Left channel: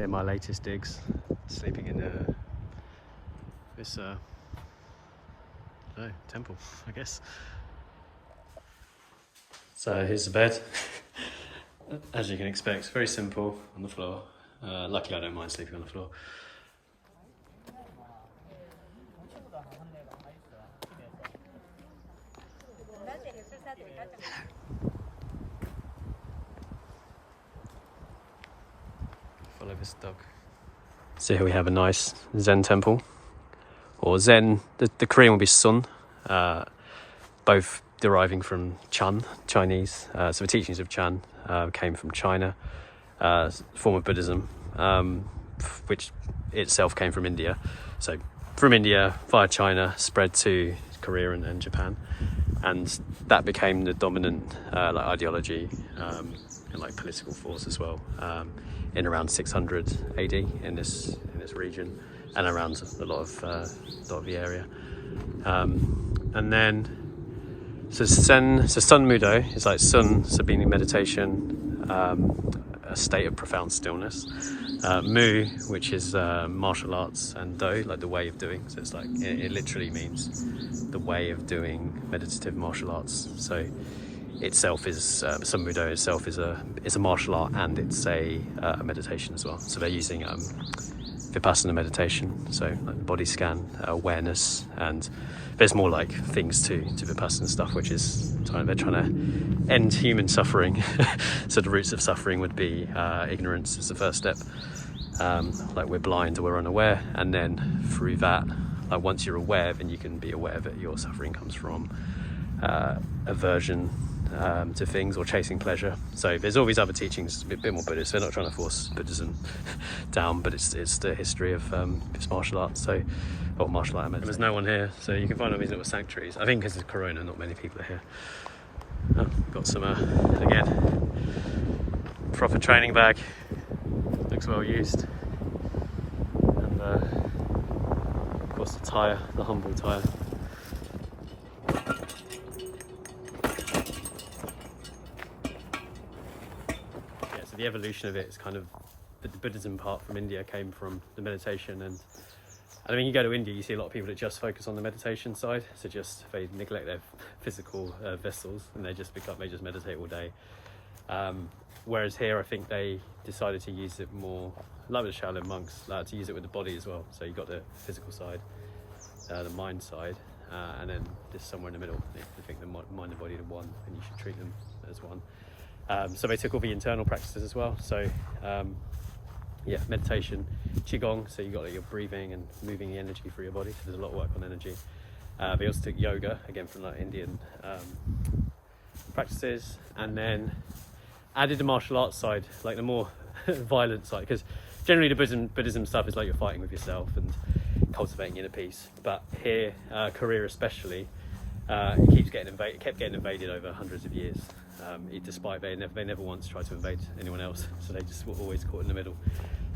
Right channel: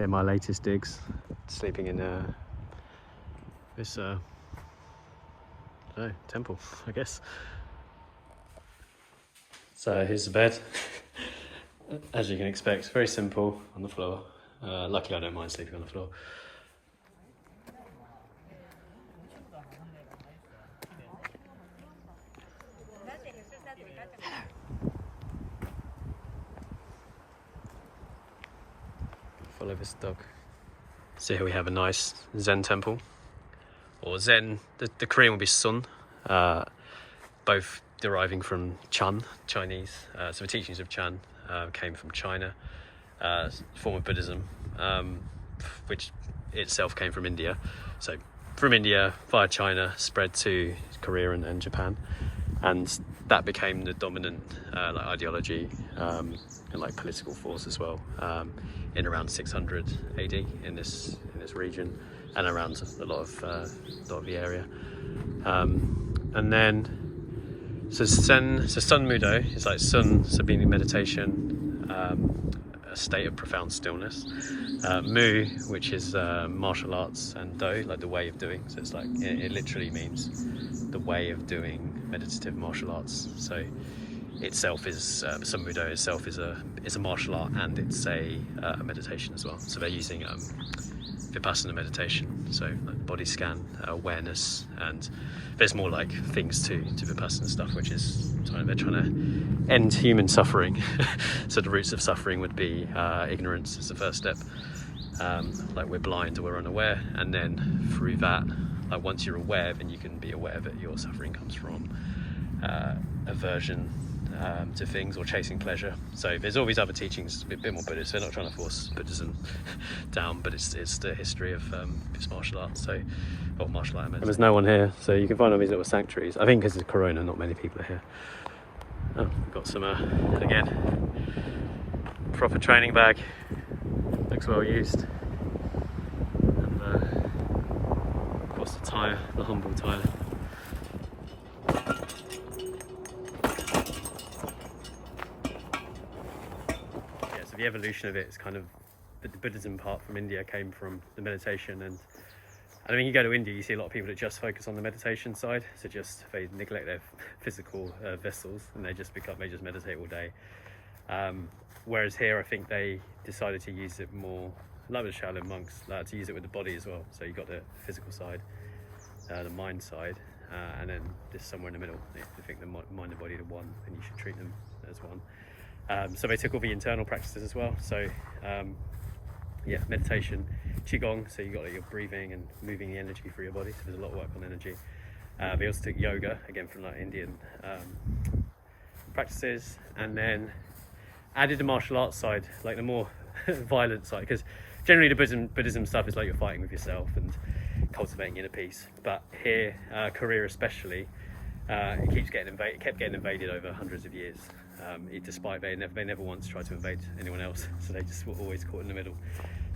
Here my latest digs, sleeping in this I don't know, temple, I guess. So here's the bed. As you can expect, very simple on the floor. Luckily I don't mind sleeping on the floor. Follow this dog. So here we have a nice Zen temple, or Zen, the Korean will be Sun, both deriving from Chan, Chinese. So the teachings of Chan came from China, form of Buddhism, which itself came from India. So from India via China spread to Korea and Japan, and that became the dominant like ideology and like political force as well in around 600 AD in this region and around a lot of the area. And then so Sunmudo is like Sun, so being in meditation, a state of profound stillness. Mu, which is martial arts, and Do, like the way of doing. So it's like it literally means the way of doing meditative martial arts. So itself is Sunmudo itself is a martial art, and it's a meditation as well. So they're using Vipassana meditation, so like body scan, awareness, and there's more like things to Vipassana stuff, which is they're trying to end human suffering. So the roots of suffering would be ignorance is the first step. Like we're blind or we're unaware, and then through that, like once you're aware, then you can be aware that your suffering comes from aversion to things or chasing pleasure. So there's all these other teachings, a bit more Buddhist. They're not trying to force Buddhism down, but it's the history of this martial art. So, or martial art. And there's no one here, so you can find all these little sanctuaries. I think because of Corona, not many people are here. Oh, we've got some again proper training bag. Looks well used. And of course the tyre, the humble tyre. The evolution of it is kind of the Buddhism part from India came from the meditation, and I mean you go to India you see a lot of people that just focus on the meditation side, so they neglect their physical vessels and they just meditate all day. Whereas here I think they decided to use it more, like the Shaolin monks, to use it with the body as well. So you've got the physical side, the mind side, and then just somewhere in the middle. If you think the mind and body are one, then you should treat them as one. So they took all the internal practices as well. So meditation, qigong. So you got your breathing and moving the energy through your body. There's a lot of work on energy. They also took yoga, again from like Indian practices, and then added the martial arts side, like the more violent side, because generally the Buddhism stuff is like you're fighting with yourself and cultivating inner peace. But here, Korea especially, it kept getting invaded over hundreds of years. Despite they never once tried to invade anyone else, so they just were always caught in the middle.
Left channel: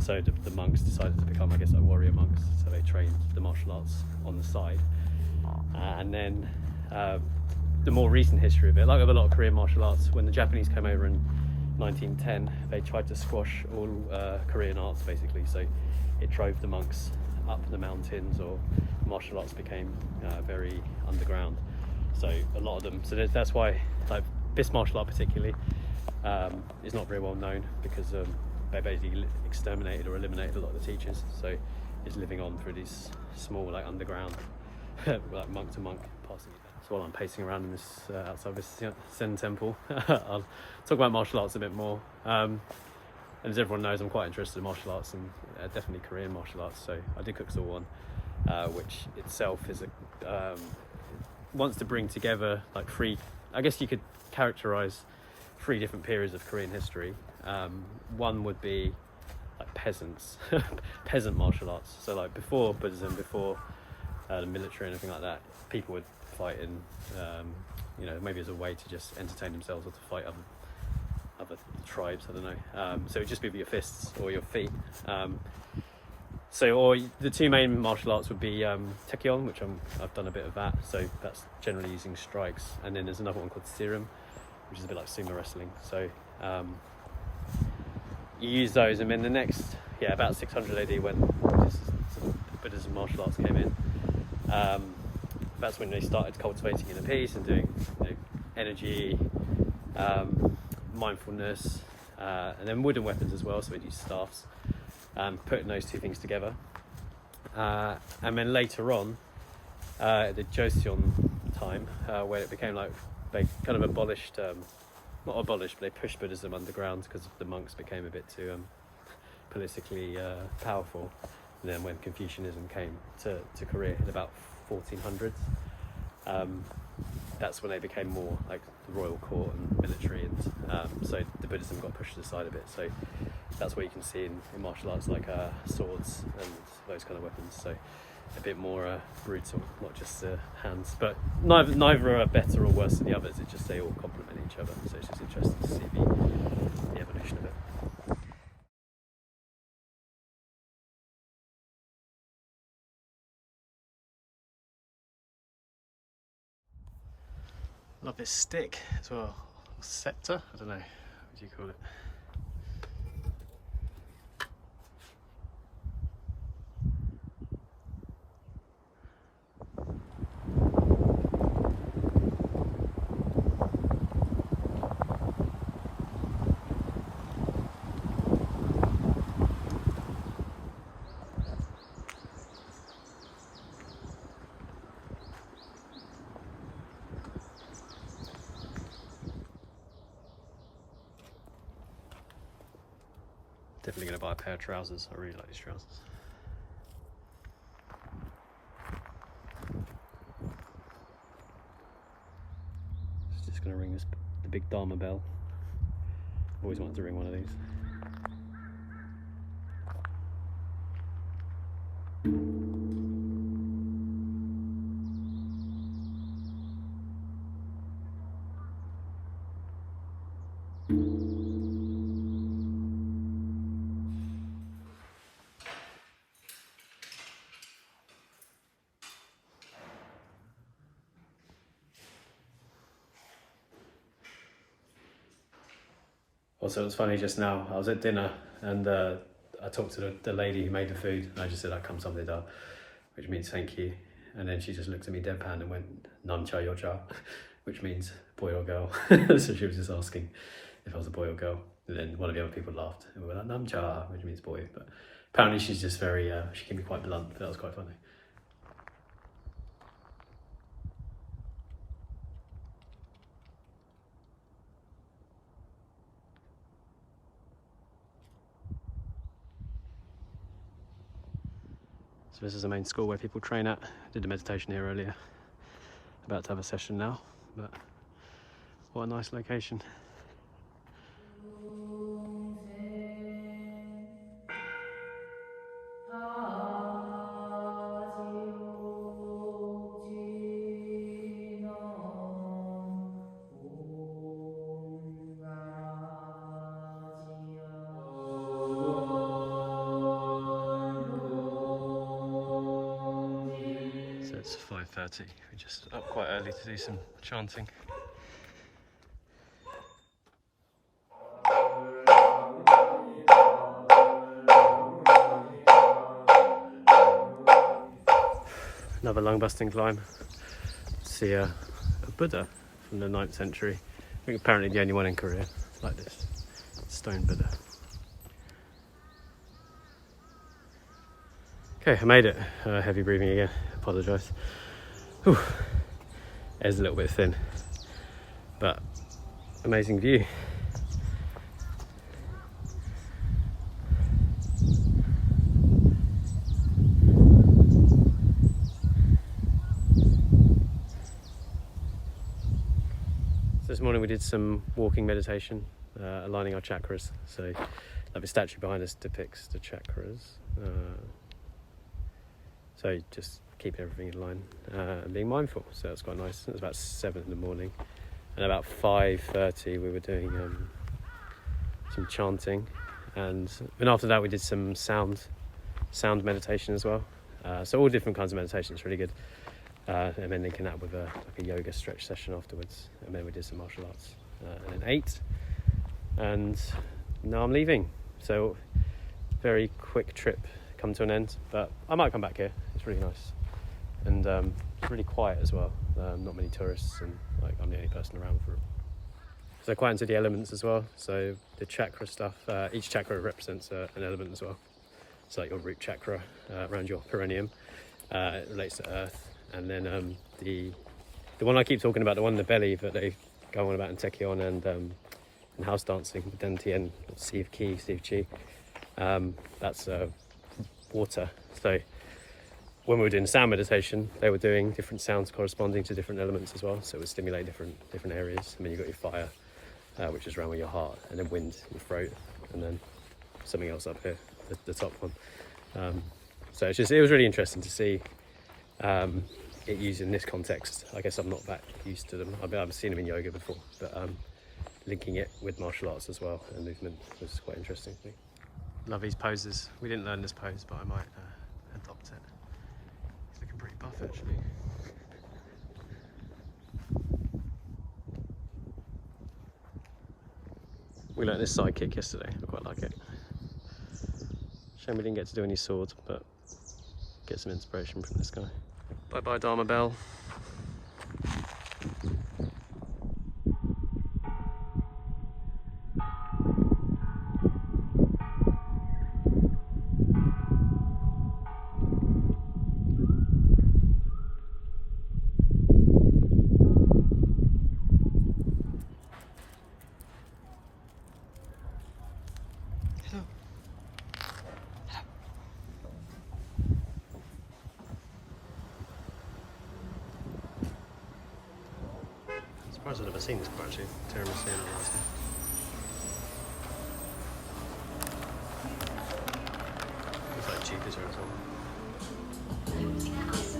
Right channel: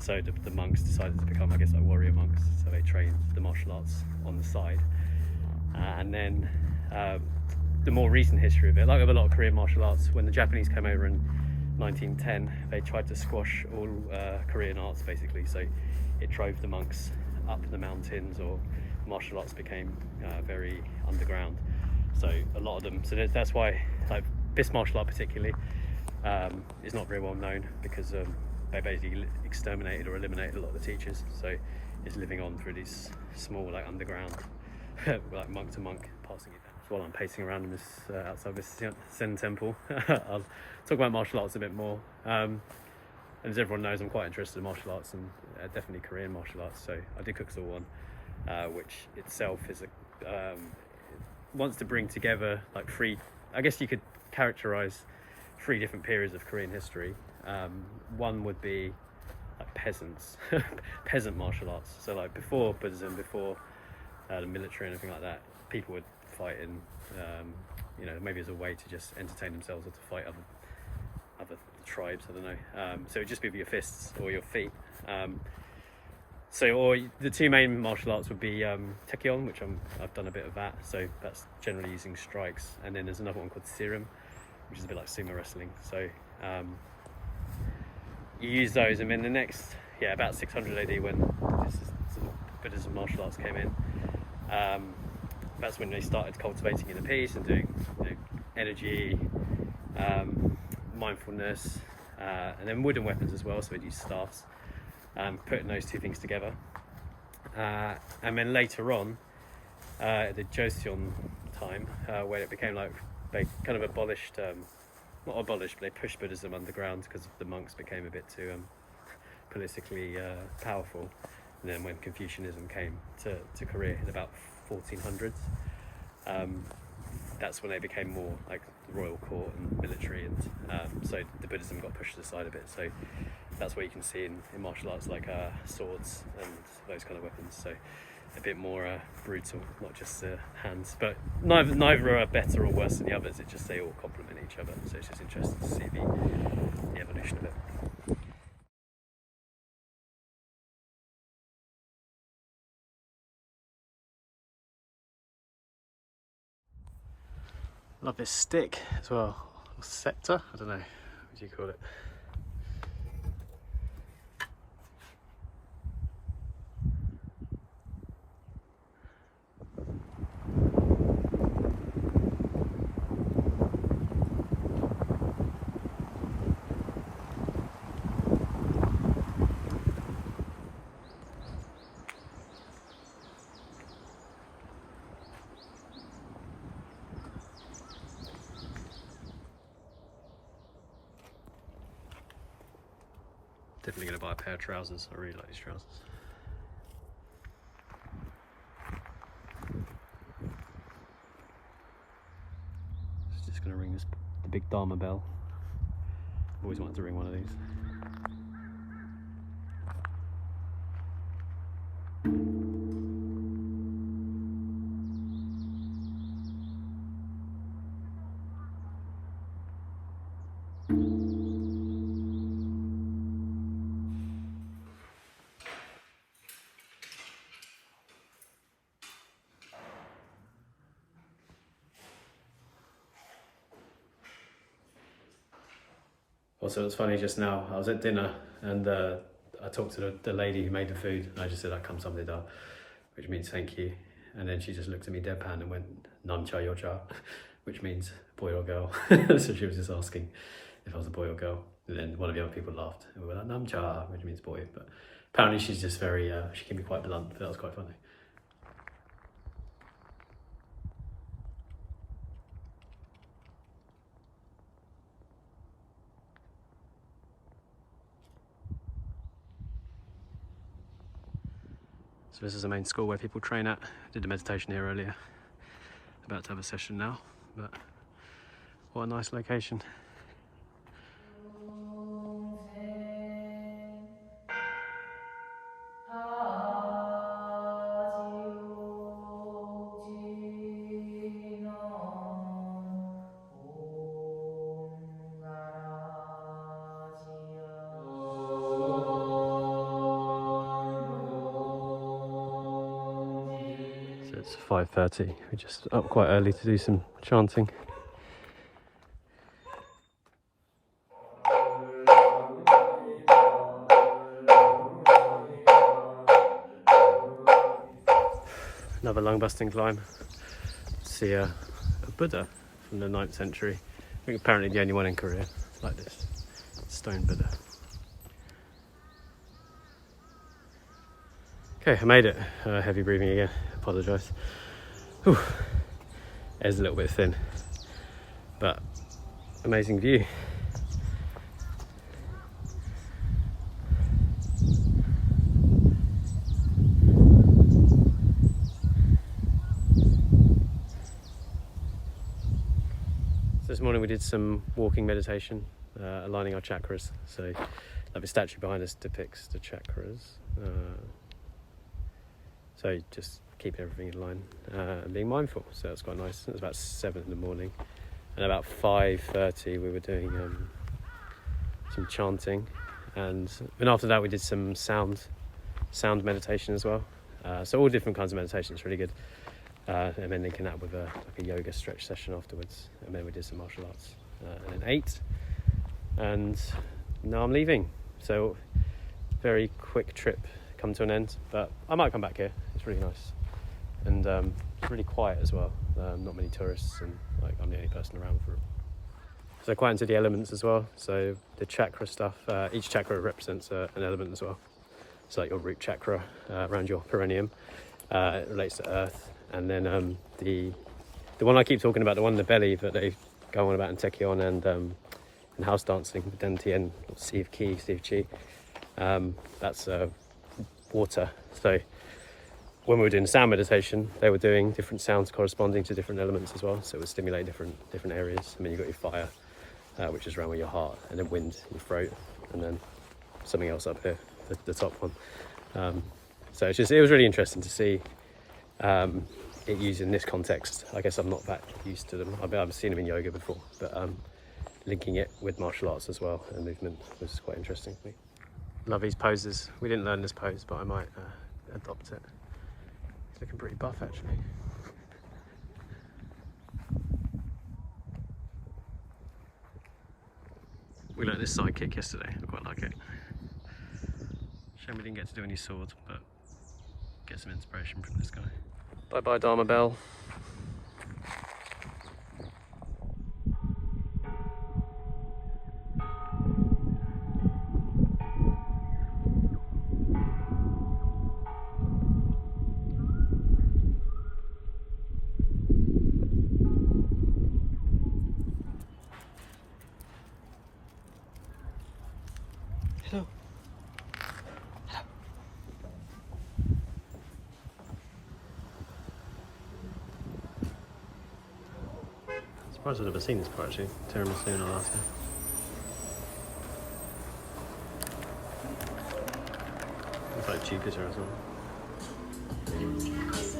So the monks decided to become, I guess, like warrior monks. So they trained the martial arts on the side, and then the more recent history of it, like with a lot of Korean martial arts, when the Japanese came over in 1910, they tried to squash all Korean arts basically. So it drove the monks up the mountains, or martial arts became very underground. So a lot of them. So that's why, like, this martial art particularly is not very well known, because they basically exterminated or eliminated a lot of the teachers. So it's living on through these small, like, underground, like monk to monk, passing it down. So while I'm pacing around in this outside this Zen Temple, I'll talk about martial arts a bit more. And as everyone knows, I'm quite interested in martial arts, and definitely Korean martial arts. So I did Kukso one, which itself is wants to bring together like three, I guess you could characterize 3 different periods of Korean history. One would be like peasant martial arts. So like before Buddhism, before the military and anything like that, people would fight in, maybe as a way to just entertain themselves or to fight other tribes. I don't know. So it'd just be with your fists or your feet. Or the 2 main martial arts would be Taekyon, which I've done a bit of that. So that's generally using strikes. And then there's another one called Sirim, which is a bit like sumo wrestling. So you use those, and then the next about 600 AD when Buddhism martial arts came in. That's when they started cultivating inner peace and doing energy, mindfulness, and then wooden weapons as well, so they used staffs, putting those two things together. And then later on, the Joseon time, where it became like they kind of abolished, not abolished, but they pushed Buddhism underground because the monks became a bit too politically powerful. And then when Confucianism came to Korea in about 1400s, that's when they became more like the royal court and military, and so the Buddhism got pushed aside a bit. So that's what you can see in martial arts, like swords and those kind of weapons. So a bit more brutal, not just hands. But neither are better or worse than the others. It's just they all complement each other. So it's just interesting to see the evolution of it. Love this stick as well, or scepter, I don't know, what do you call it? Definitely going to buy a pair of trousers. I really like these trousers. Just going to ring the big Dharma bell. Always wanted to ring one of these. Also, it's funny just now, I was at dinner and I talked to the lady who made the food, and I just said, "Kamsahamnida," which means thank you. And then she just looked at me deadpan and went, "Namcha yocha," which means boy or girl. So she was just asking if I was a boy or girl. And then one of the other people laughed and we were like, "Namcha," which means boy. But apparently she's just very, she can be quite blunt, but that was quite funny. So this is the main school where people train at. I did the meditation here earlier. About to have a session now, but what a nice location. So it's 5:30. We're just up quite early to do some chanting. Another lung-busting climb. See a Buddha from the 9th century. I think apparently the only one in Korea like this. Stone Buddha. Okay, I made it. Heavy breathing again. Apologise. Air's a little bit thin, but amazing view. This morning we did some walking meditation, aligning our chakras. So, like the statue behind us depicts the chakras. So just keeping everything in line and being mindful. So that's quite nice. It was about 7 in the morning, and about 5:30 we were doing some chanting, and then after that we did some sound meditation as well. So all different kinds of meditation. It's really good. And then linking that with a yoga stretch session afterwards, and then we did some martial arts, and then ate, and now I'm leaving. So very quick trip come to an end, but I might come back here. It's really nice, and it's really quiet as well. Not many tourists, and like I'm the only person around for it. So quite into the elements as well. So the chakra stuff, each chakra represents an element as well. So like your root chakra around your perineum relates to earth, and then the one I keep talking about, the one in the belly that they go on about in Taekyon and house dancing, Den Tien, Sea of Ki, Sea of Chi, that's water. So when we were doing sound meditation, they were doing different sounds corresponding to different elements as well. So it would stimulate different areas. I mean, you've got your fire, which is around with your heart, and then wind, your throat, and then something else up here, the top one. So it was really interesting to see it used in this context. I guess I'm not that used to them. I've seen them in yoga before, but linking it with martial arts as well and movement was quite interesting for me. Love these poses. We didn't learn this pose, but I might adopt it. It's looking pretty buff actually. We learned this side kick yesterday. I quite like it. Shame we didn't get to do any swords, but get some inspiration from this guy. Bye bye Dharma bell. Hello. Surprised I've never seen this part actually. Tiramisu and a latte. It's like Jupiter or something.